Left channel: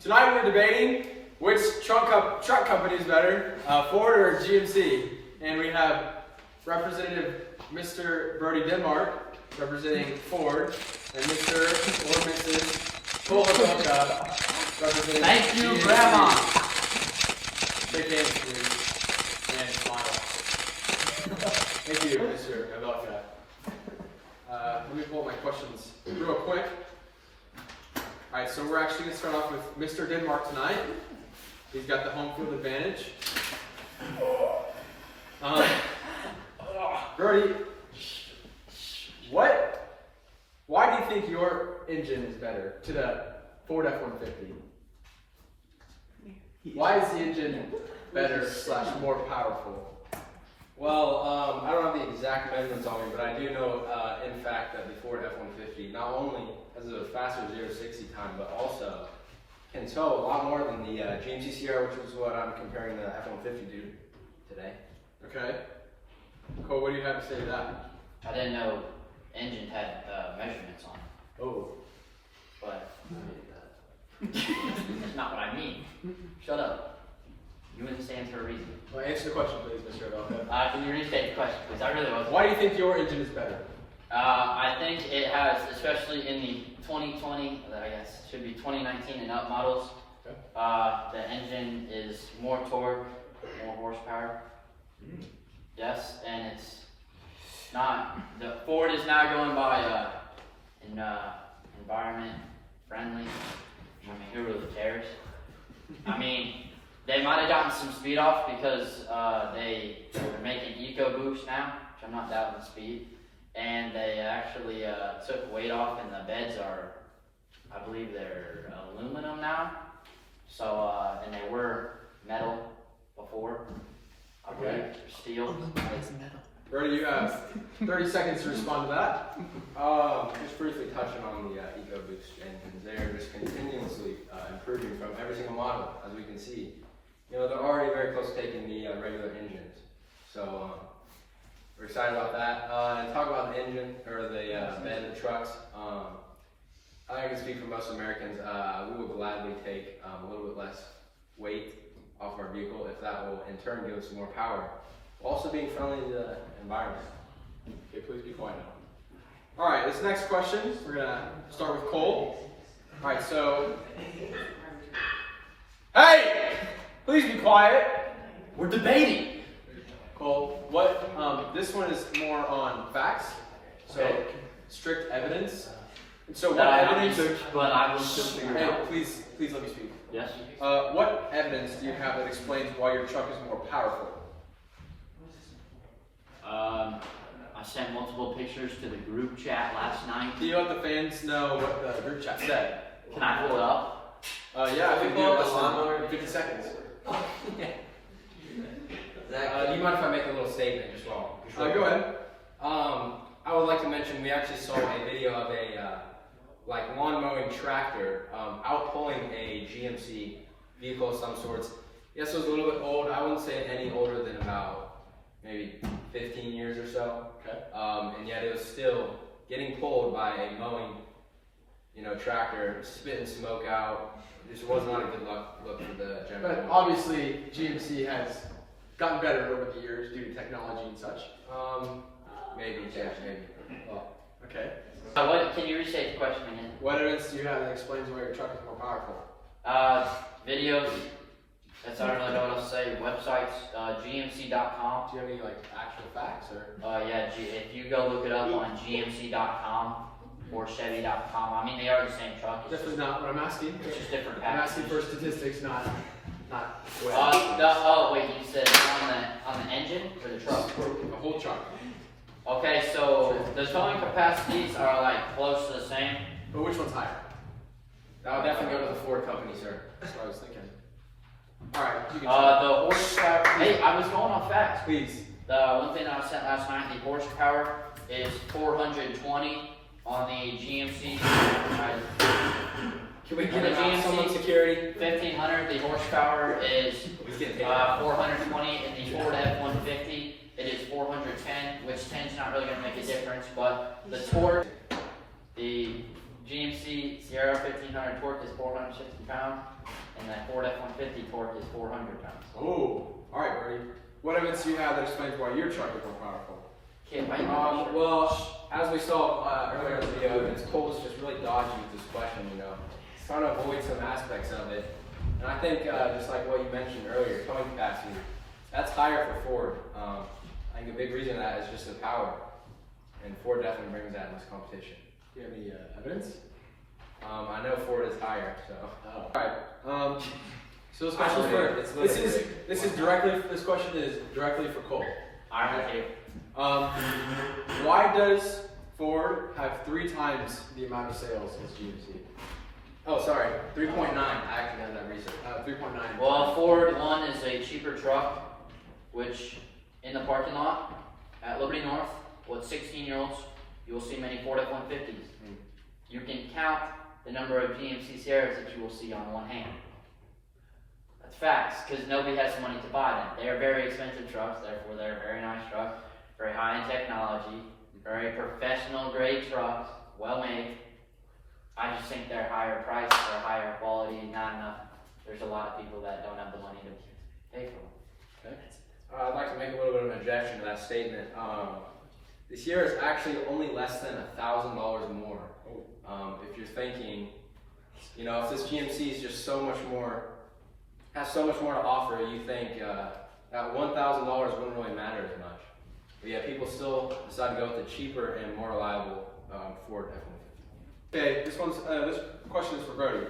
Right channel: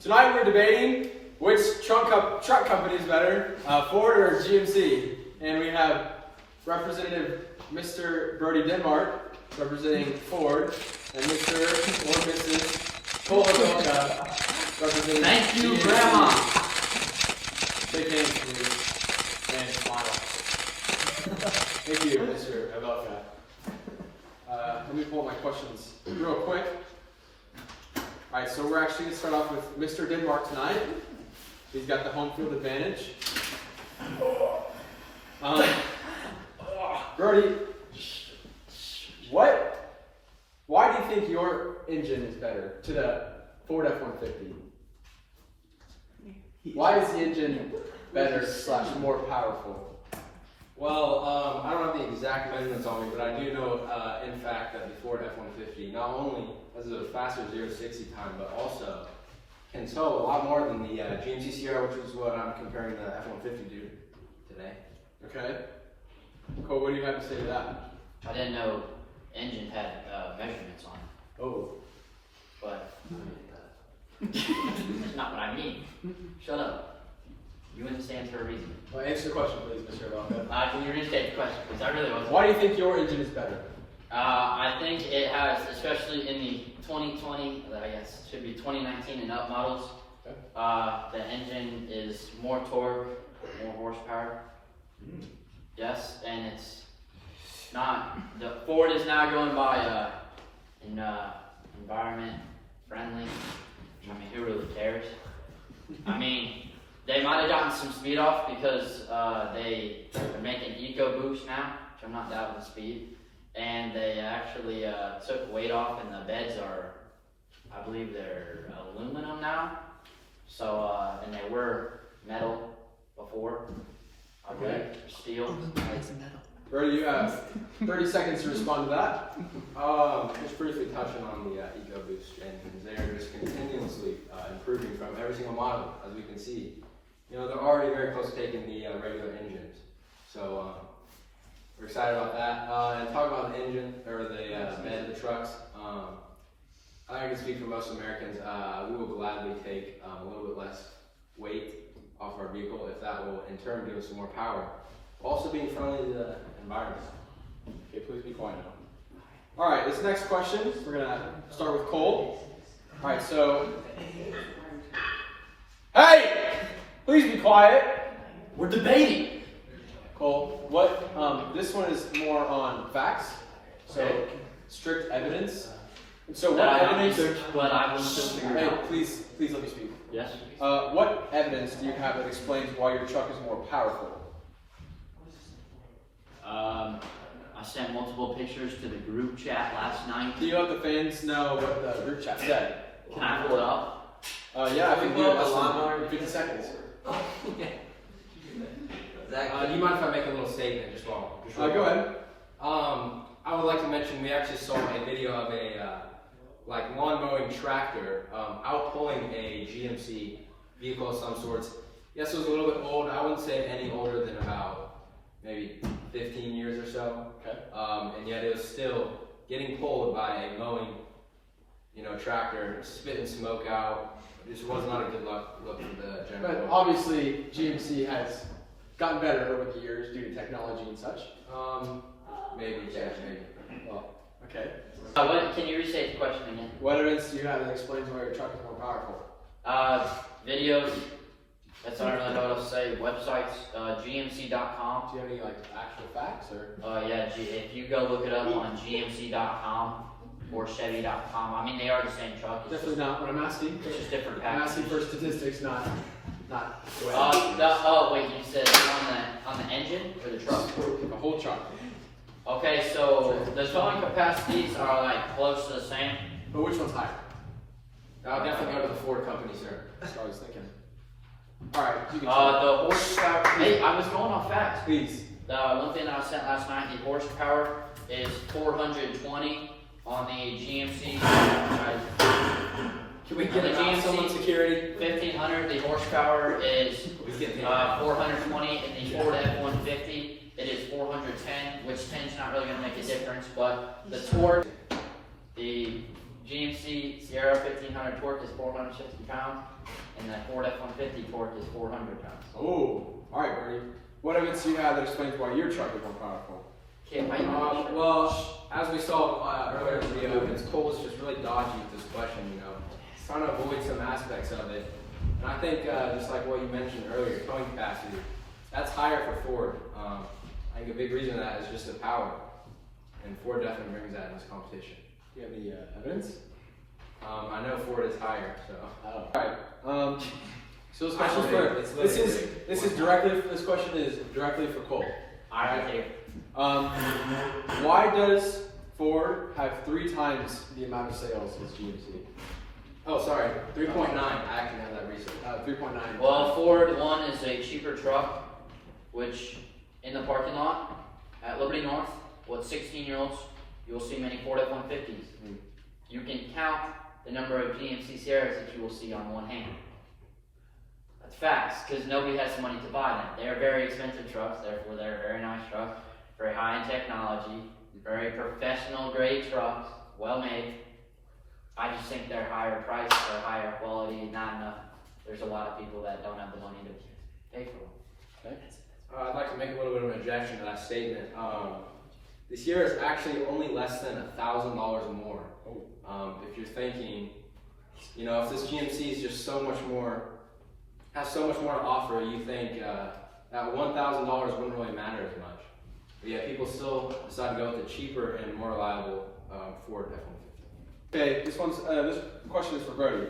Tonight we're debating which truck company is better, Ford or GMC. And we have Representative Mr. Brody Denmark representing Ford, and Mr. or Mrs. Havelka representing Thank you, GMC. Grandma. Shake hands, please, and smile. Thank you, Mr. Havelka. Let me pull up my questions real quick. Alright, so we're actually going to start off with Mr. Denmark tonight. He's got the home field advantage. Brody, why do you think your engine is better to the Ford F-150? Why is the engine better / more powerful? Well, I don't have the exact measurements on me, but I do know, in fact, that the Ford F-150 not only has a faster 0-60 time, but also can tow a lot more than the GMC Sierra, which is what I'm comparing the F-150 to today. Okay. Cole, what do you have to say to that? I didn't know engine had measurements on it, Oh. but that's not what I mean. Shut up. You understand for a reason. Well, answer the question, please, Mr. Havelka. Can you restate the question, because I really wasn't. Why do you think your engine is better? I think it has, especially in the 2020, I guess it should be 2019 and up models, Okay. the engine is more torque, more horsepower. Yes, and it's not, the Ford is now going by environment friendly. I mean, who really cares? I mean, they might have gotten some speed off because they're making EcoBoost now, which I'm not doubting the speed. And they actually took weight off, and the beds are, I believe they're aluminum now. So, and they were metal before. I believe steel. Brody, you have 30 seconds to respond to that. Just briefly touching on the EcoBoost engines, they're just continuously improving from every single model, as we can see. You know, they're already very close to taking the regular engines. So, we're excited about that. And talking about the engine, or the bed of the trucks, I can speak for most Americans, we will gladly take a little bit less weight off our vehicle if that will in turn give us some more power. Also being friendly to the environment. Okay, please be quiet now. Alright, this next question, we're going to start with Cole. Alright, so... Hey! Please be quiet. We're debating. Cole, this one is more on facts, so strict evidence. And so what evidence... But I will still figure it out. Please let me speak. Yes? What evidence do you have that explains why your truck is more powerful? I sent multiple pictures to the group chat last night. Do you let the fans know what the group chat said? Can I pull it up? Yeah, I think you have less than 50 seconds. Zach, do you mind if I make a little statement just while? Go ahead. I would like to mention we actually saw a video of a lawn mowing tractor out pulling a GMC vehicle of some sorts. Yes, it was a little bit old. I wouldn't say any older than about maybe 15 years or so. Okay. And yet it was still getting pulled by a mowing, tractor, spitting smoke out. This was not a good look for the general. But obviously, GMC has gotten better over the years due to technology and such. Maybe. Well, okay. Can you restate the question again? What evidence do you have that explains why your truck is more powerful? Videos. That's I don't really know what else to say. Websites. GMC.com. Do you have any actual facts or? Yeah. If you go look it up on GMC.com or Chevy.com, I mean they are the same truck. It's Definitely not what I'm asking. It's just different I'm packaging. asking for statistics, not. Wait, you said on the engine or the truck? The whole truck. Okay, so the towing capacities are close to the same. But which one's higher? I would definitely go to the Ford company, sir. That's what I was thinking. Alright, you can The horsepower. Hey, I was going off facts. please. The one thing that I sent last night, the horsepower is 420 on the GMC. Can we On get the it GMC someone security? 1500, the horsepower is He's getting taken out. 420. In the Ford F-150, it is 410, which 10's not really going to make a difference, but the torque, the GMC Sierra 1500 torque is 460 pounds, and the Ford F-150 torque is 400 pounds. Oh, all right, Bertie. What evidence do you have that explains why your truck is more powerful? Can't wait. Well, as we saw earlier in the video, Cole is just really dodgy with this question, you know. He's trying to avoid some aspects of it. And I think, just like what you mentioned earlier, towing capacity, that's higher for Ford. I think a big reason of that is just the power. And Ford definitely brings that in this competition. Do you have any evidence? I know Ford is higher, so. Oh. All right. So this question It's literally- this question is directly for Cole. Alright, okay. Why does Ford have 3 times the amount of sales as GMC? Oh, sorry, 3.9. I actually have that research. 3.9. Well, Ford One is a cheaper truck, which in the parking lot at Liberty North, with 16-year-olds, you will see many Ford F-150s. You can count the number of GMC Sierras that you will see on one hand. That's facts, because nobody has the money to buy them. They are very expensive trucks, therefore they're very nice trucks, very high in technology, very professional grade trucks, well made. I just think they're higher priced or higher quality, not enough. There's a lot of people that don't have the money to pay for them. Okay. I'd like to make a little bit of an objection to that statement. The Sierra is actually only less than $1,000 more. If you're thinking, you know, if this GMC is just so much more, has so much more to offer, you think that $1,000 wouldn't really matter as much. But yeah, people still decide to go with the cheaper and more reliable Ford F-150. Okay, this question is for Brody.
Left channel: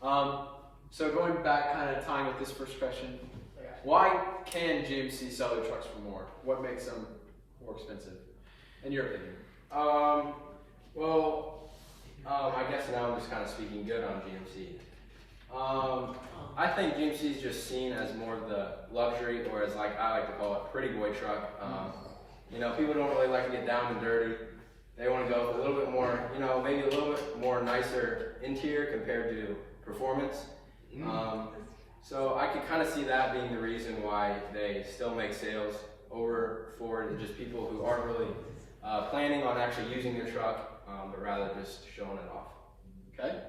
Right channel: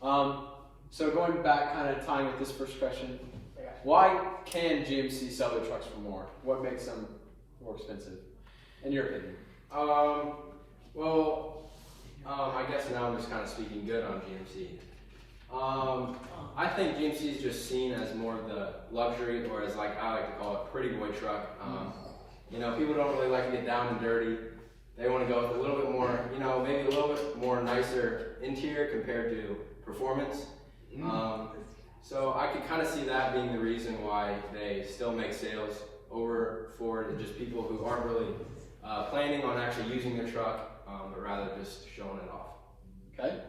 So going back, kind of tying with this first question, why can GMC sell their trucks for more? What makes them more expensive, in your opinion? I guess now I'm just kind of speaking good on GMC. I think GMC is just seen as more of the luxury, or as like I like to call it, pretty boy truck. You know, people don't really like to get down and dirty. They want to go with a little bit more, you know, maybe a little bit more nicer interior compared to performance. So I could kind of see that being the reason why they still make sales over Ford, and just people who aren't really planning on actually using their truck, but rather just showing it off. Okay.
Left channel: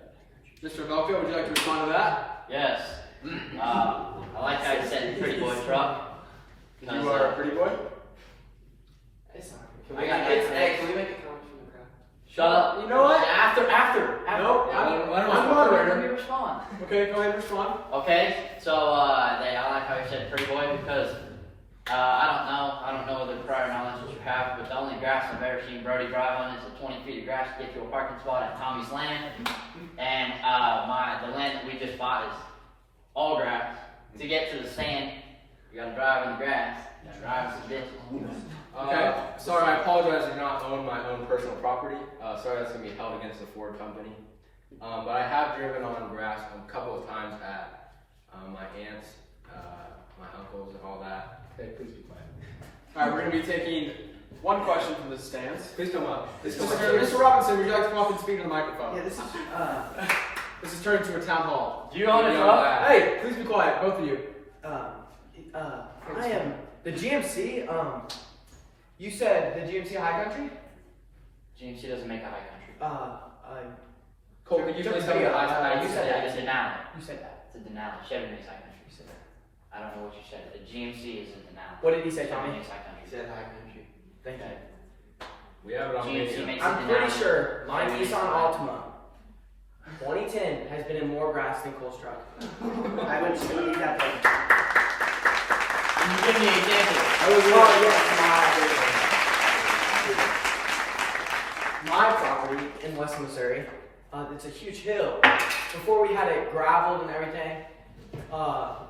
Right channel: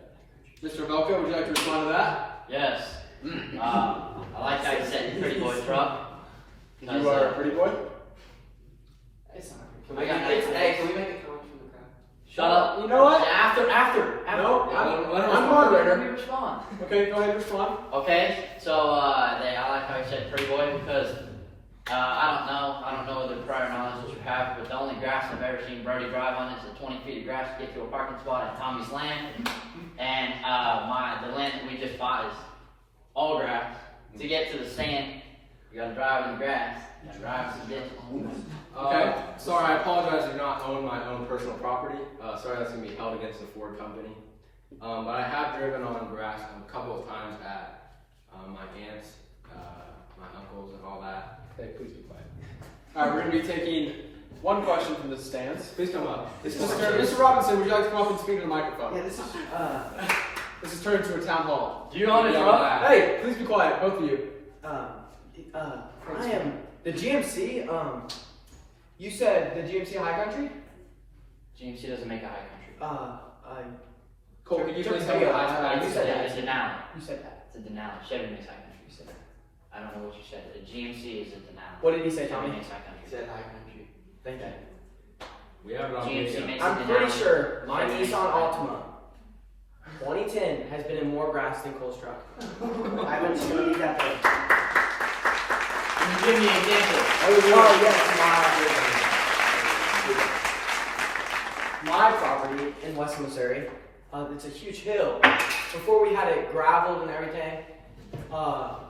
Mr. Havelka, would you like to respond to that? Yes. I like how you said pretty boy truck. You are a pretty boy? I got nice legs. Can we make a comment from the crowd? Shut up. You know what? After. No, I'm moderator. Let me respond. Okay, go ahead and respond. Okay, so I like how you said pretty boy because I don't know the prior knowledge that you have, but the only grass I've ever seen Brody drive on is the 20 feet of grass to get to a parking spot at Tommy's Land, and the land that we just bought is all grass. To get to the sand, you gotta drive in the grass, drive some ditches. Okay. Sorry, I apologize to not own my own personal property. Sorry, that's going to be held against the Ford company. But I have driven on grass a couple of times at my aunts, my uncles, and all that. Okay, please be quiet. All right, we're going to be taking one question from the stands. Please come up. Mr. Robinson, would you like to come up and speak to the microphone? Yeah, this is, This is turned into a town hall. Do you own a Beyond truck? that. Hey, please be quiet, both of you. I am, the GMC, you said the GMC High Country? GMC doesn't make a high country. Cole, could you Took please the tell me video. the last time You you said said that. It's a Denali. You said that. It's a Denali. Chevy makes high country. You said that. I don't know what you said. The GMC is a Denali. What did he say, Chevy Tommy? makes high country. He said High Country. Thank you. We have it on GMC video. makes I'm a pretty Denali. sure my Chevy makes Nissan high Altima 2010 has been in more grass than Cole's truck. I'm just gonna leave that there. Can you give me an example? Oh yes, my property in West Missouri. It's a huge hill. Before we had it gravelled and everything,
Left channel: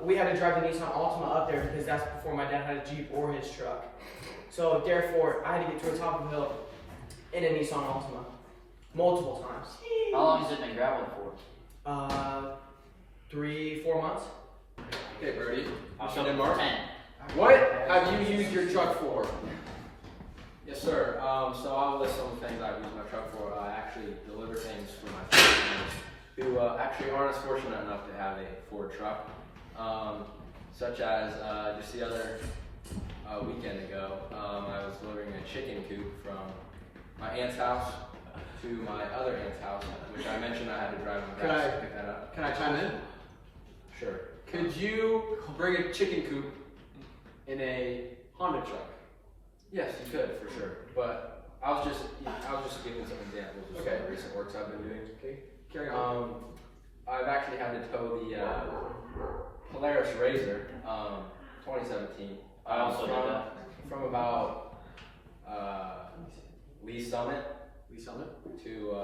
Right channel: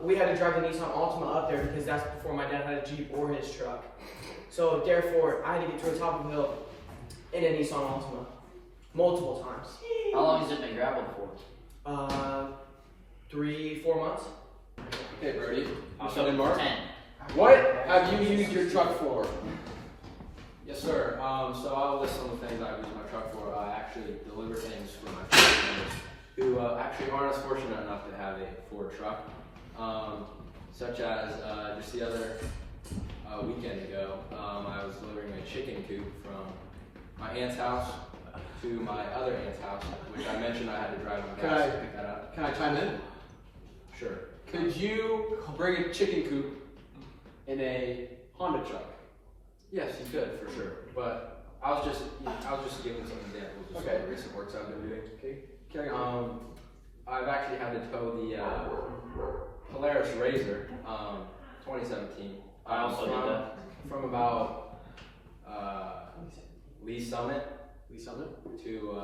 we had to drive the Nissan Altima up there because that's before my dad had a Jeep or his truck. So therefore, I had to get to the top of the hill in a Nissan Altima multiple times. How long has it been graveled for? 3-4 months. Okay, Brody. I'll Mr. go Denmark. 10. What have you used your truck for? Yes, sir. So I'll list some of the things I use my truck for. I actually deliver things for my family members who actually aren't as fortunate enough to have a Ford truck. Such as just the other weekend ago, I was delivering a chicken coop from my aunt's house to my other aunt's house, which I mentioned I had to drive him Could back I- to pick that up. Can I chime in? Sure. Could you bring a chicken coop in a Honda truck? Yes, you could for sure. But I was just giving some examples of some of the recent works I've been doing. Okay, carry on. I've actually had to tow the Polaris Razor, 2017. I also did that. From about Lee Summit Lee Summit. to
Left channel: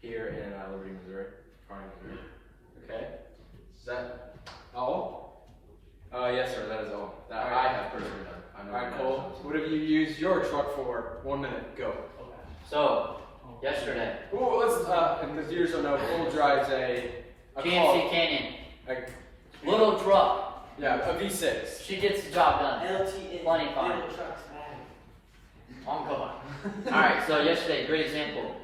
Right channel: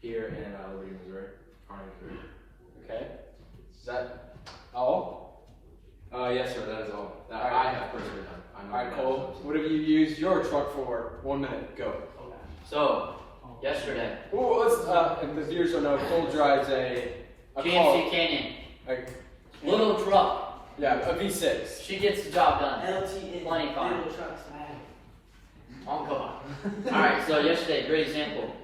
here in Liberty, Missouri. Farmington. Okay. Is that all? Yes, sir. That is all that I have personally done. I know Alright, you Cole. guys have What have you used your truck for? 1 minute. Go. So, yesterday, Ooh, let's. If the viewers don't know, Cole drives a GMC Canyon, a little truck. yeah, a V6. She gets the job done. LT Plenty fine. little trucks, man. Oh, come on. Alright, so yesterday, great example.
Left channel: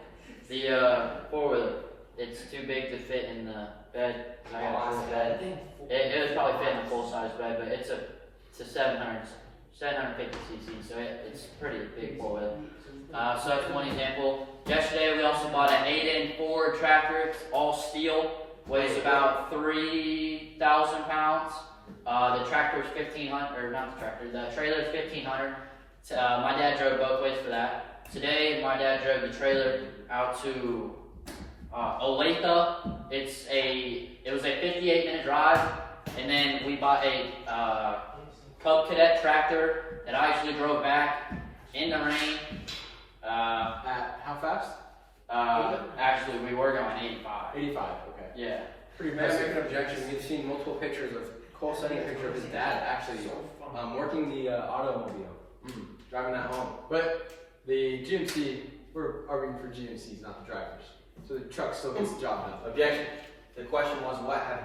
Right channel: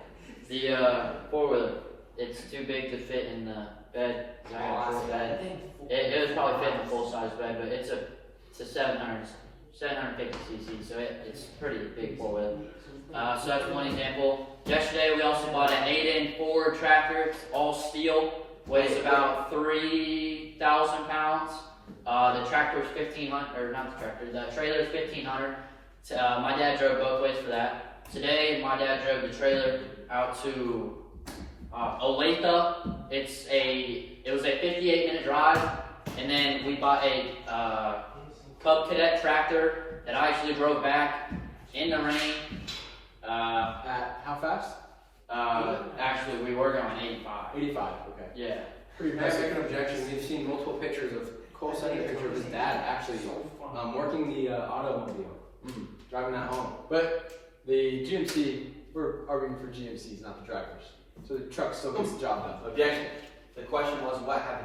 The four-wheeler, it's too big to fit in the bed. I got a full bed. It was probably fit in a full-size bed, but it's a 750 cc, so it's pretty big four-wheeler. So that's one example. Yesterday, we also bought an 8-in Ford tractor. It's all steel, weighs about 3,000 pounds. The tractor's 1,500, or not the tractor, the trailer's 1,500. My dad drove both ways for that. Today, my dad drove the trailer out to Olathe. It was a 58-minute drive, and then we bought a Cub Cadet tractor that I actually drove back in the rain. At how fast? Actually, we were going 85. 85. Okay. Yeah. Pretty May I make impressive. an objection? We've seen multiple pictures of Cole sending a picture of his dad actually working the automobile, driving that home. But the GMC, we're arguing for GMCs, not the drivers. So the truck still gets the job done. Objection. The question was, what have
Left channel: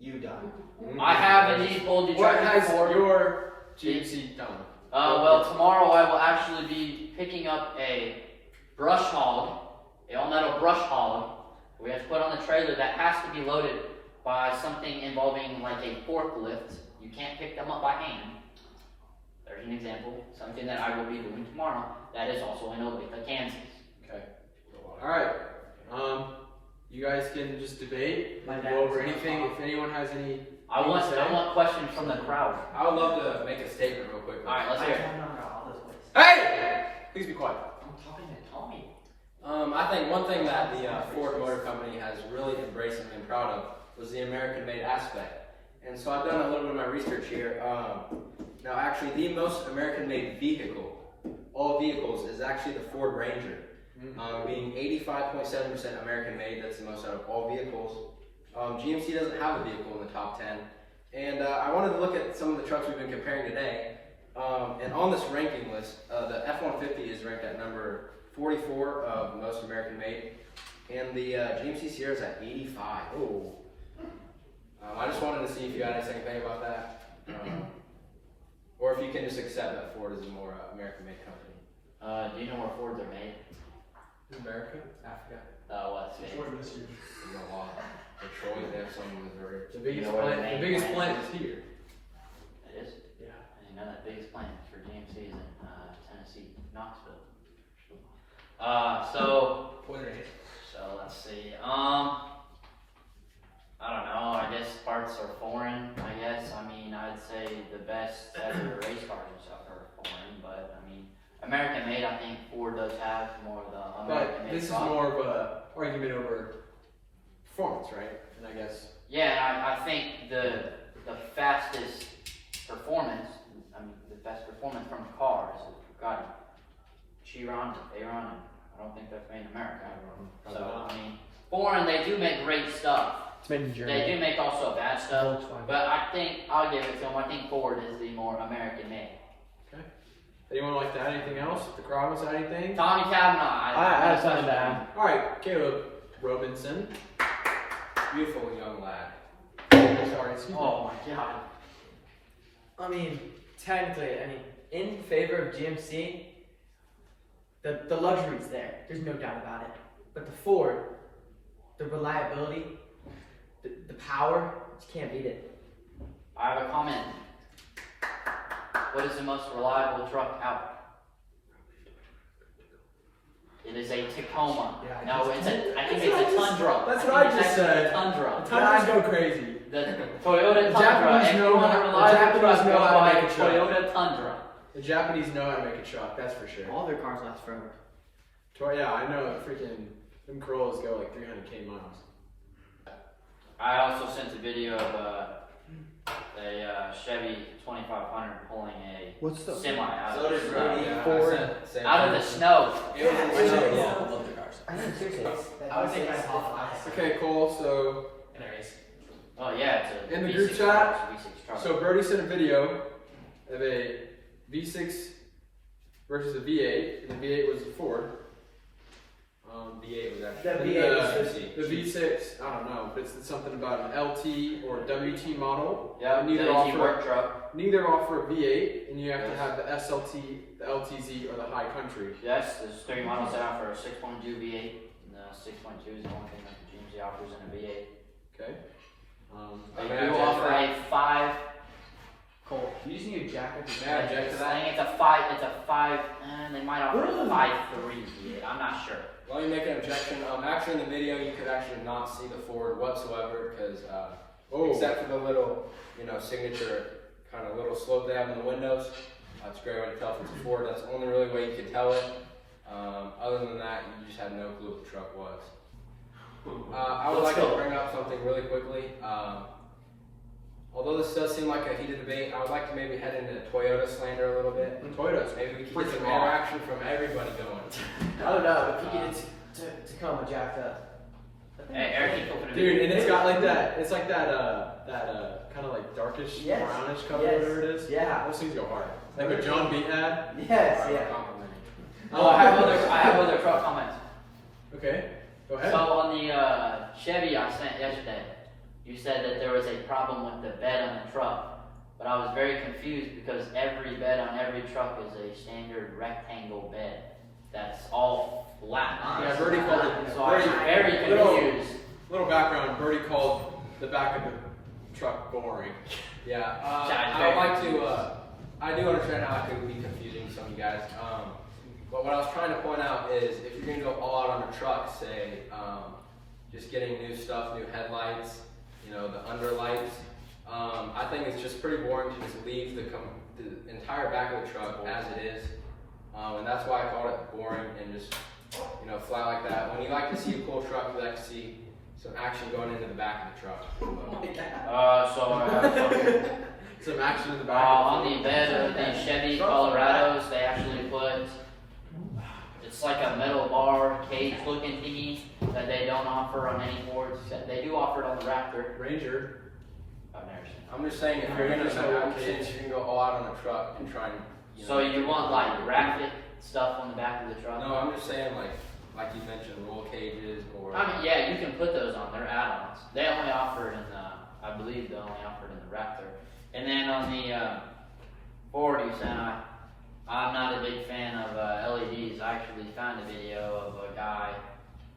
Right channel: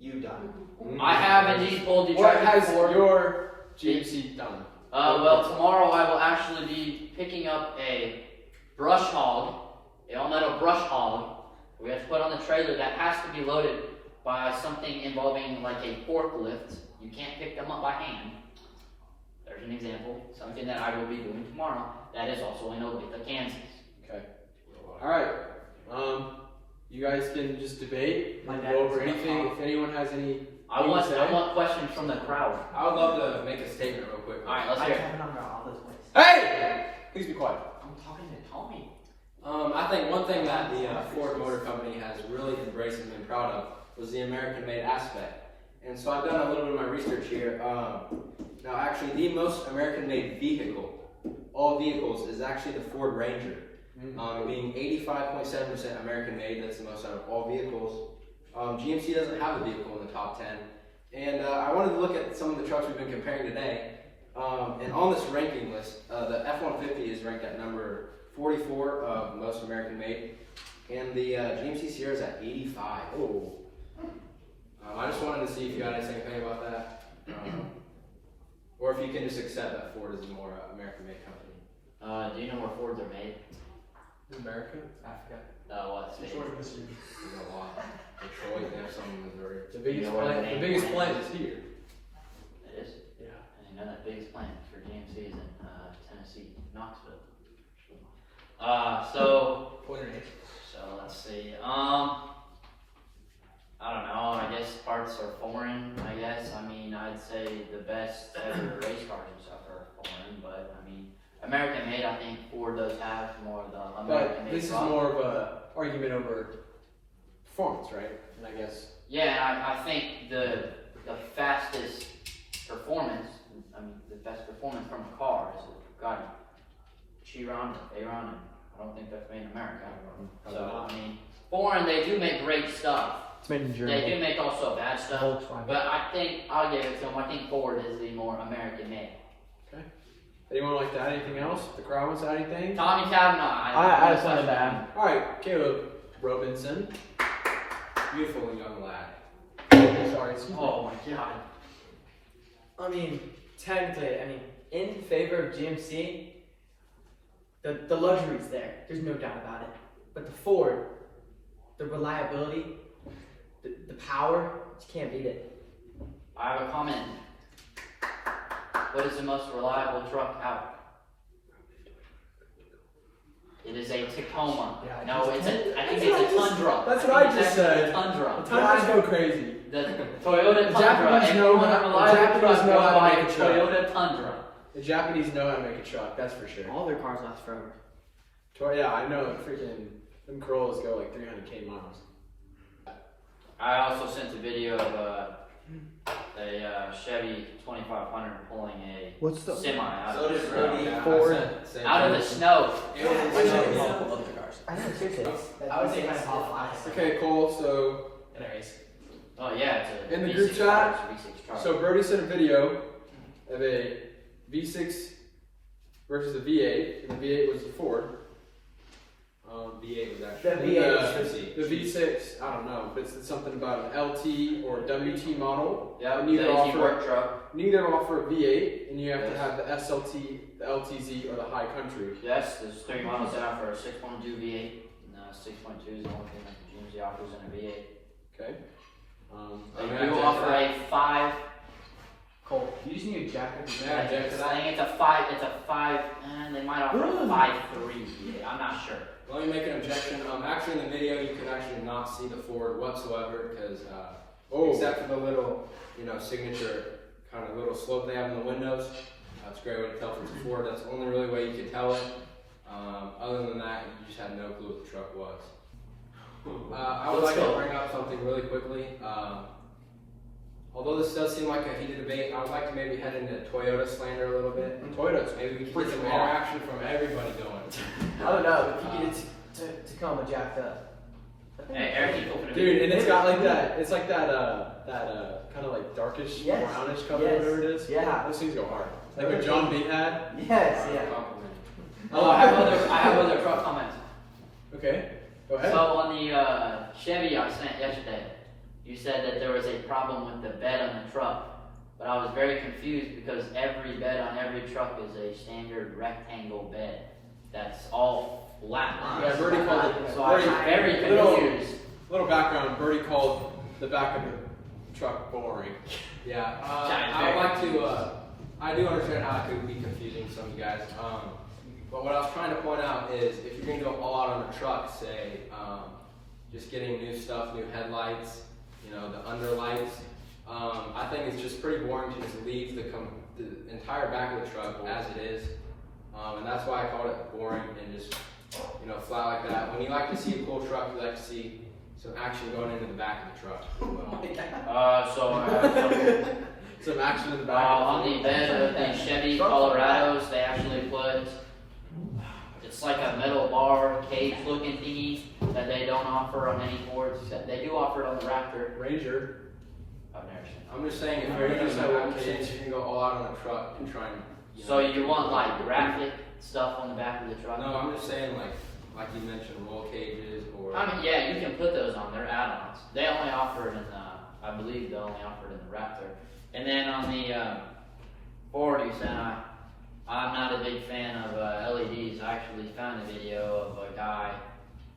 you done? I have indeed pulled the What tractor has before. your GMC done? Well, tomorrow I will actually be picking up a brush hog, a all-metal brush hog. We have to put on the trailer that has to be loaded by something involving like a forklift. You can't pick them up by hand. There's an example, something that I will be doing tomorrow. That is also in Olathe, Kansas. Okay. All right. You guys can just debate and go over anything. If anyone has any, I want questions from the crowd. I would love to make a statement real quick. All right, let's hear it. hey, please be quiet. I'm talking to Tommy. I think one thing that the Ford Motor Company has really embraced and been proud of was the American-made aspect. And so I've done a little bit of my research here. Now, actually, the most American-made vehicle, all vehicles, is actually the Ford Ranger. Being 85.7% American-made, that's the most out of all vehicles. GMC doesn't have a vehicle in the top 10. And I wanted to look at some of the trucks we've been comparing today. And on this ranking list, the F-150 is ranked at number 44 of most American-made. And the GMC Sierra is at 85. Oh. I just wanted to see if you guys had anything about that. Or if you can just accept that Ford is a more American-made company. Do you know where Fords are made? In America? Africa. What state? You know, a lot. Detroit, they have some in Missouri. The biggest You know where plant. the The main biggest plant plant is here. It is? Yeah. And you know that biggest plant for GMC is in Tennessee, Knoxville. So let's see. I don't know. I guess parts are foreign. I guess. I mean, I'd say the best ever race cars and stuff are foreign, but I mean, American made. I think Ford does have more of the American But made. this is more of a argument over performance, right? And I guess. Yeah, I think the fastest performance, the best performance from a car is a Bugatti Chiron, Aeron. I don't think that's made in America. So I mean, foreign they do make great stuff. It's made in They do make also bad stuff, but I think I'll give it to them. I think Ford is the more American made. Okay. Anyone like to add anything else? The crowd wants to add anything? Tommy Kavanaugh, I have something to add. All right, Caleb Robinson. Beautiful young lad. Sorry, excuse me. Oh my God. I mean, technically, in favor of GMC, the luxury's there. There's no doubt about it. But the Ford, the reliability, the power, you can't beat it. I have a comment. What is the most reliable truck out? It is a Tacoma. Yeah, No, I I just- think it's a Tundra. That's what I think it's just actually said. a Tundra. The Tundras go crazy. The Toyota Tundra. Japanese If know you want how- a the reliable Japanese truck, know go how to buy make a a truck. Toyota Tundra. The Japanese know how to make a truck, that's for sure. All their cars last forever. Yeah, I know. Freaking them Corollas go like 300k miles. I also sent a video of a Chevy 2500 pulling a What's the? semi out So of the did snow. Ruby. Yeah, I said same Out of thing. the snow. It was in Yeah, snow, yeah. yeah. I mean, seriously, I would say my half. Okay, Cole. So Anyways. Oh yeah, it's a In the V6 group truck, chat, it's a V6 truck. So Brody sent a video of a V6 versus a V8, and the V8 was a Ford. V8 was actually. That And V8 the V6, I don't know, but it's something about an LT or WT model. Yeah, And neither the offer work truck. neither offer a V8, and you have to Yes. have the SLT, the LTZ, or the High Country. Yes, there's 3 models that offer a 6.2 V8, and 6.2 is the only thing that the GMC offers in a V8. Okay. They I'm do gonna have to offer check a 5. Cole, you just need a jacket. Yeah, I check that. think it's a 5. It's a 5. And they might offer a 5.3 V8. I'm not sure. Let me make an objection. Actually, in the video, you could actually not see the Ford whatsoever because, except for the little, signature kind of little slope they have in the windows. It's a great way to tell if it's a Ford. That's the only really way you could tell it. Other than that, you just had no clue what the truck was. I would like to bring up something really quickly. Although this does seem like a heated debate, I would like to maybe head into Toyota slander a little bit. Toyota's Maybe we can freaking get some rock. interaction from everybody going. I don't know, if you get Tacoma jacked up. Hey, Eric, you open a Dude, video. and it's got like that. It's like that. Kind of like darkish, Yes. brownish color, Yes. whatever it is. Yeah. Those things go hard. Like what John B had. Yes, yeah. Complimenting. Oh, I have other truck comments. Okay. Go ahead. So on the Chevy I sent yesterday, you said that there was a problem with the bed on the truck, but I was very confused because every bed on every truck is a standard rectangle bed. That's all flat. Yeah, Birdie called it. So I was very confused. Little background. Birdie called the back of the truck boring. Yeah, Giant I would bear. like to. I do understand how it could be confusing to some guys. But what I was trying to point out is, if you're gonna go all out on a truck, say, just getting new stuff, new headlights, the underlights. I think it's just pretty boring to just leave the entire back of the truck as it is, and that's why I called it boring and just flat like that. When you like to see a cool truck, you like to see some action going into the back of the truck. Some action in the back. On the bed of the Chevy Colorados, they actually put, it's like a metal bar cage looking thingy that they don't offer on any Fords. They do offer it on the Raptor. Ranger. I've never seen it. I'm just saying, if you're gonna have kids, you can go all out on a truck and try and. So you want like graphic stuff on the back of the truck? No, I'm just saying, like you mentioned, roll cages or. I mean, yeah, you can put those on. They're add-ons. They only offer it in the, I believe they only offer it in the Raptor. And then on the Ford, you said, I'm not a big fan of LEDs. I actually found a video of a guy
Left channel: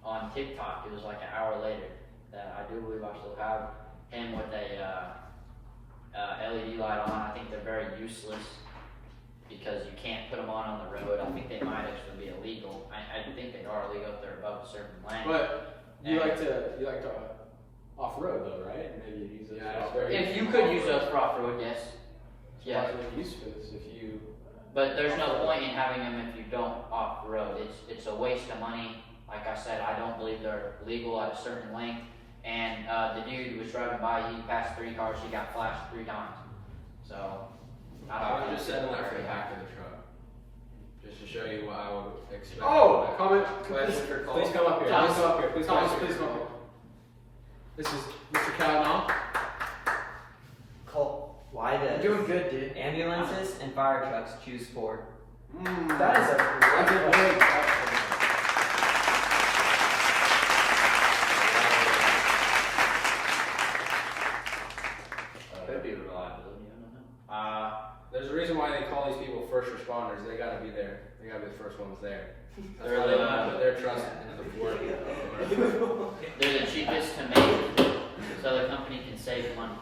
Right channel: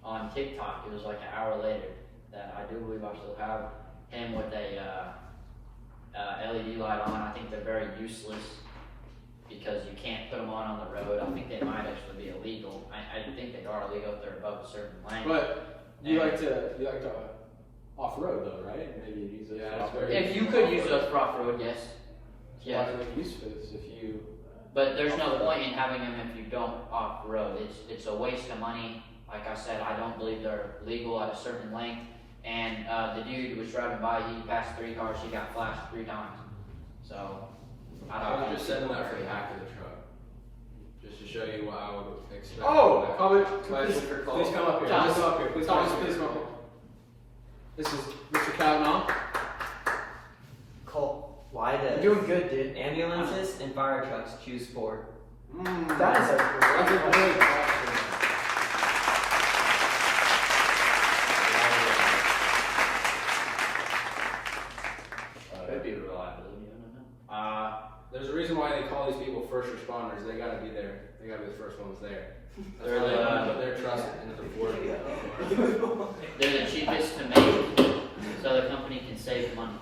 on TikTok. It was like an hour later that I do believe I still have him with a LED light on. I think they're very useless because you can't put them on the road. I think they might actually be illegal. I think they are illegal if they're above a certain length. But you like to off road though, right? Maybe you use those Yeah, for it's off-road. very- If you could use those for off-road, yes. Yeah. Yeah. They're useless if you. But there's no point in having them if you don't off-road. It's a waste of money. Like I said, I don't believe they're legal at a certain length. And the dude who was driving by, he passed 3 cars, he got flashed 3 times. So, I don't I'm think just it's setting that for very the back of the truck, just to show you what I would expect. Oh, comment. Question for Cole. Please come up here. Thomas. Please come up here. Please come up here. Please come up here. This is Mr. Calamon. Cole. Why does You're doing good, dude. ambulances and fire trucks choose Ford? That is That's a great question. Could be reliability, I don't know. There's a reason why they call these people first responders. They gotta be there. They gotta be the first ones there. That's They're why they the- don't put their trust into the Ford. They're the cheapest to make, so the company can save money.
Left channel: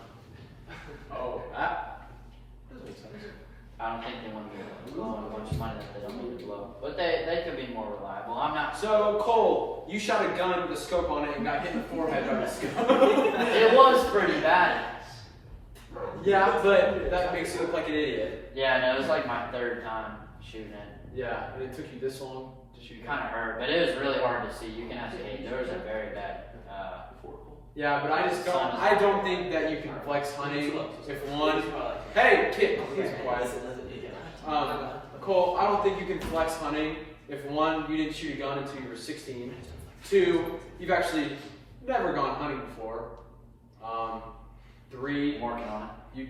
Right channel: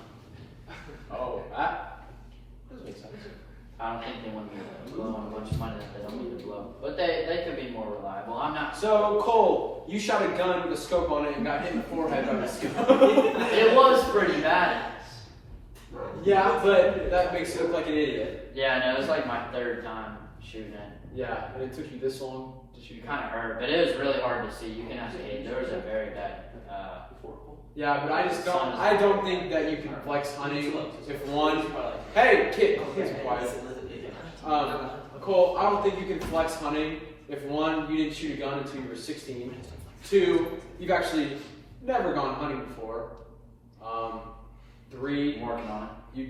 Oh, that doesn't make sense. I don't think they want to be blowing a bunch of money that they don't need to blow. But they could be more reliable. I'm not. So, Cole, you shot a gun with a scope on it and got hit in the forehead by the scope. It was pretty bad. Yeah, but that makes you look like an idiot. Yeah, no, it was like my third time shooting it. Yeah, and it took you this long to shoot. It kind of hurt, but it was really hard to see. You can ask Kate. There was a very bad. Yeah, but I don't think that you can flex hunting if one. Hey, kid, please be quiet. Cole, I don't think you can flex hunting if one, you didn't shoot a gun until you were 16. Two, you've actually never gone hunting before. Three, I'm working on it.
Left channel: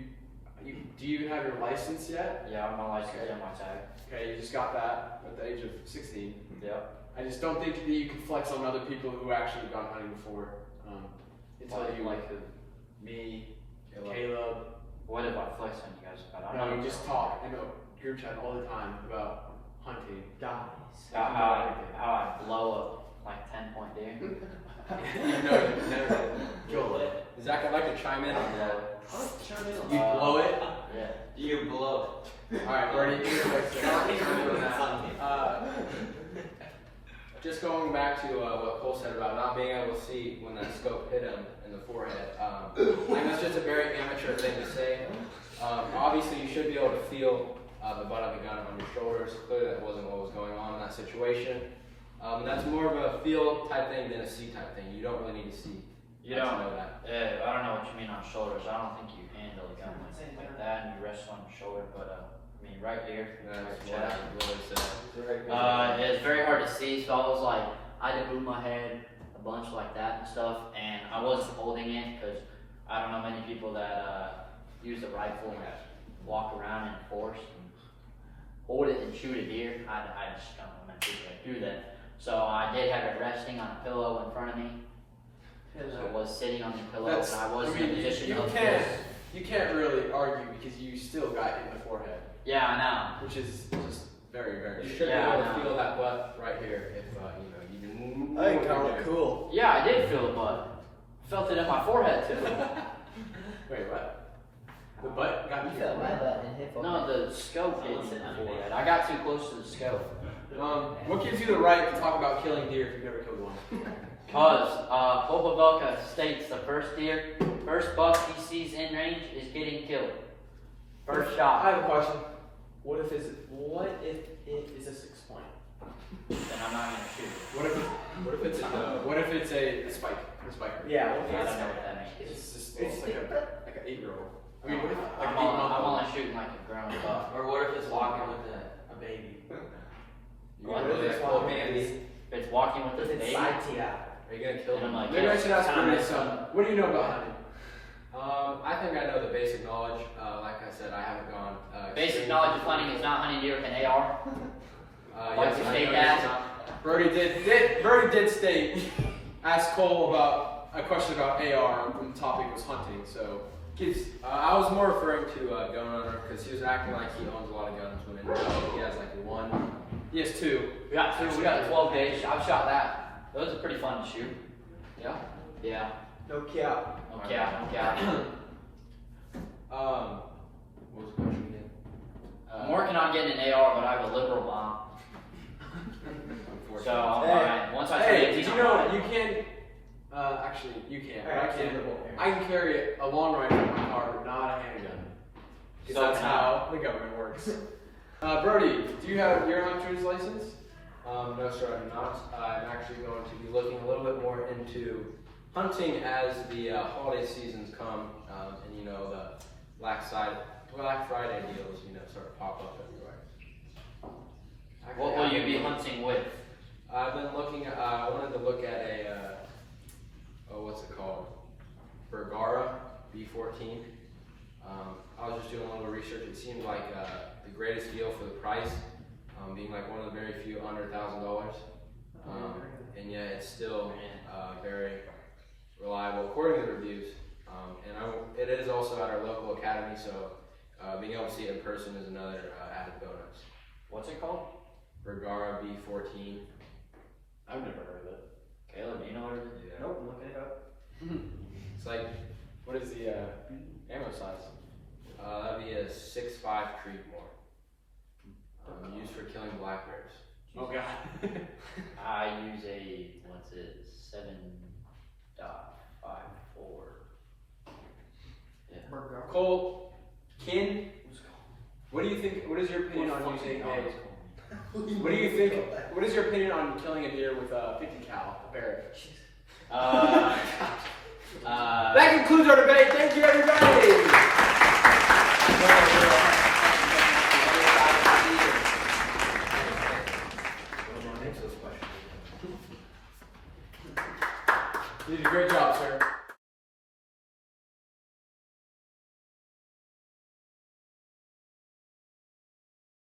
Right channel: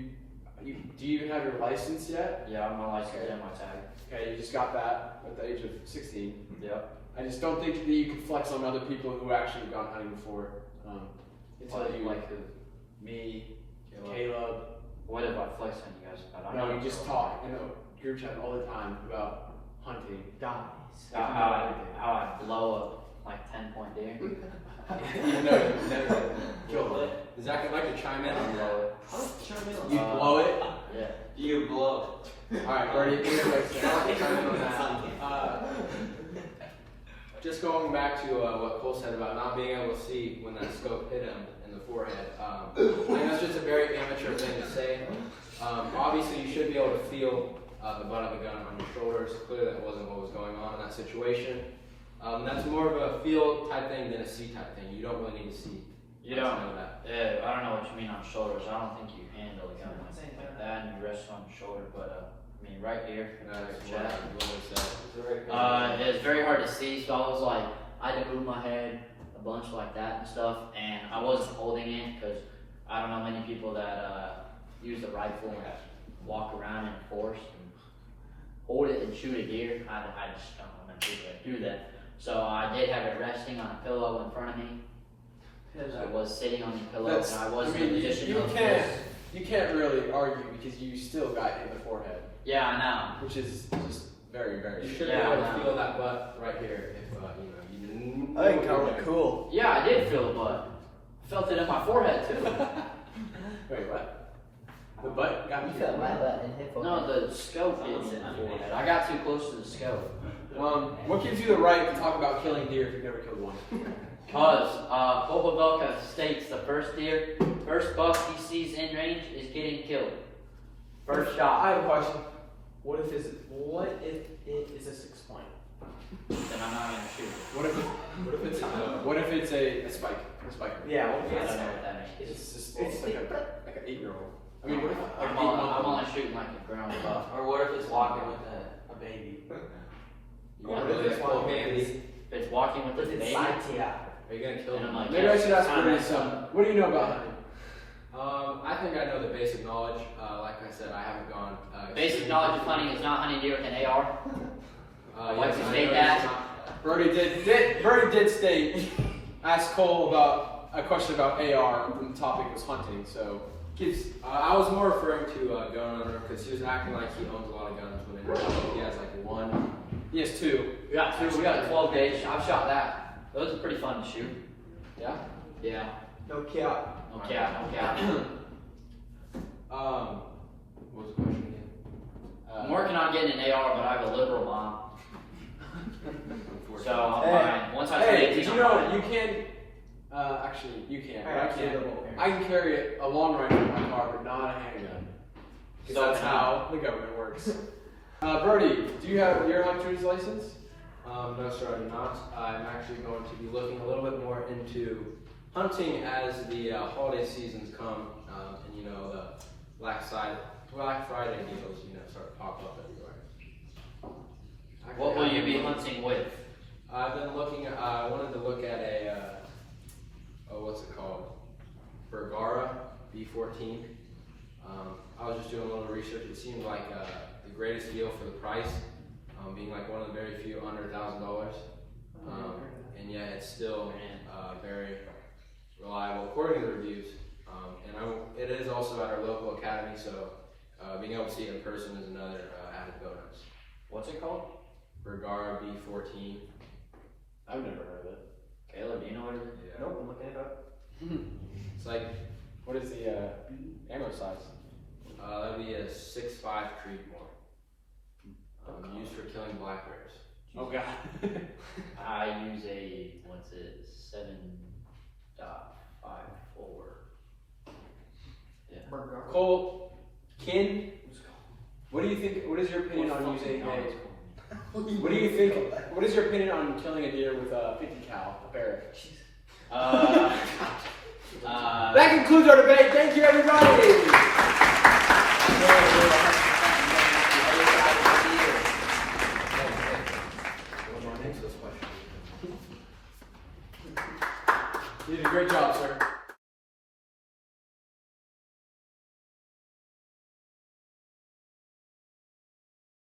Do you have your license yet? Yeah, I'm a license and my tag. Okay, you just got that at the age of 16. Yep. I just don't think that you can flex on other people who actually have gone hunting before. Until you Like who? me, Caleb. What if I flex on you guys about? No, we just talk in a group chat all the time about hunting. How I blow up like 10-point deer. Even though you've never killed it. Zach, I'd like to chime in on that. You blow it? Yeah. You blow Alright, Bernie, give me a break. Chime in on that. Just going back to what Cole said about not being able to see when that scope hit him in the forehead. I think that's just a very amateur thing to say. Obviously, you should be able to feel the butt of the gun on your shoulders. Clearly, that wasn't what was going on in that situation. And that's more of a feel type thing than a see type thing. You don't really need to see. You to don't know that. Yeah, I don't know what you mean on shoulders. I don't think you handle a gun like that and you rest on your shoulder, but I mean right here. That's your what chest. I would say. It was very hard to see, so I was like, I had to move my head a bunch like that and stuff, and I wasn't holding it because I don't know many people that use a rifle and walk around in force and hold it and shoot a deer. I just don't know many people that do that. So I did have it resting on a pillow in front of me. I was sitting on the pillow, and I was in a position of this. You can't really argue because you still got hit in the forehead. Yeah, I know. Which is just very, very. You should Yeah, be able I to know. feel that butt right here if you didn't. I think that was cool. Yeah, I did feel the butt. I felt it in my forehead too. Wait, what? The butt got you. No, the scope hit me in the forehead. I got too close to the scope. What gives you the right to talk about killing deer if you've never killed one? Because Havelka states the first buck he sees in range is getting killed. First I shot. have a question. What if it is a 6 point? Then I'm not gonna shoot it. What if it's a spike? A spiker? Yeah. I don't know what that means. It's just like an 8-year-old. I mean, what if like I'm an only 8-month-old? shooting like a grown buck. Or what if it's walking with a baby? What if it's full baby? If it's walking with this baby, Are you gonna kill and I'm them? like, Maybe I should ask Bernie some. What do you know about hunting? I think I know the basic knowledge. Like I said, I haven't gone. basic knowledge of hunting is not hunting deer with an AR. Why'd you I state know that? it's not- Bernie did state, ask Cole about a question about AR when the topic was hunting. So, kids, I was more referring to gun owner because he was acting like he owns a lot of guns when in reality he has like one. he has 2. We got two. We got a 12 gauge. I've shot that. Those are pretty fun to shoot. Yeah. Yeah. No cap. No cap. No cap. What was the question again? I'm working on getting an AR, but I have a liberal bomb. So once I start Hey, getting did you know you can? Actually, you can, but I can't. I can carry a long rifle in my car, but not a handgun. Because So that's how the government works. Brody, do you have your hunter's license? No, sir, I do not. I'm actually going to be looking a little bit more into hunting as the holiday seasons come, and you know the Black Friday deals, start to pop up everywhere. What will you be hunting with? I've been looking. I wanted to look at a what's it called? Bergara B14. I was just doing a little research. It seemed like the greatest deal for the price, being like one of the very few under $1,000, and yet it's still very reliable according to the reviews. It is also at our local academy, so being able to see it in person is another added bonus. What's it called? Bergara B14. I've never heard of it. Caleb, do you know what it is? Yeah. Nope, I'm looking it up. It's like What is the ammo size? that'd be a 6.5 Creedmoor. used for killing black bears? Oh God. I use a, what's it, 7.54. Cole, Kin, what do you think? What is your opinion on using a? What do you think? What is your opinion on killing a deer with a 50 cal, a Barrett? That concludes our debate. Thank you, everybody. You did a great job, sir.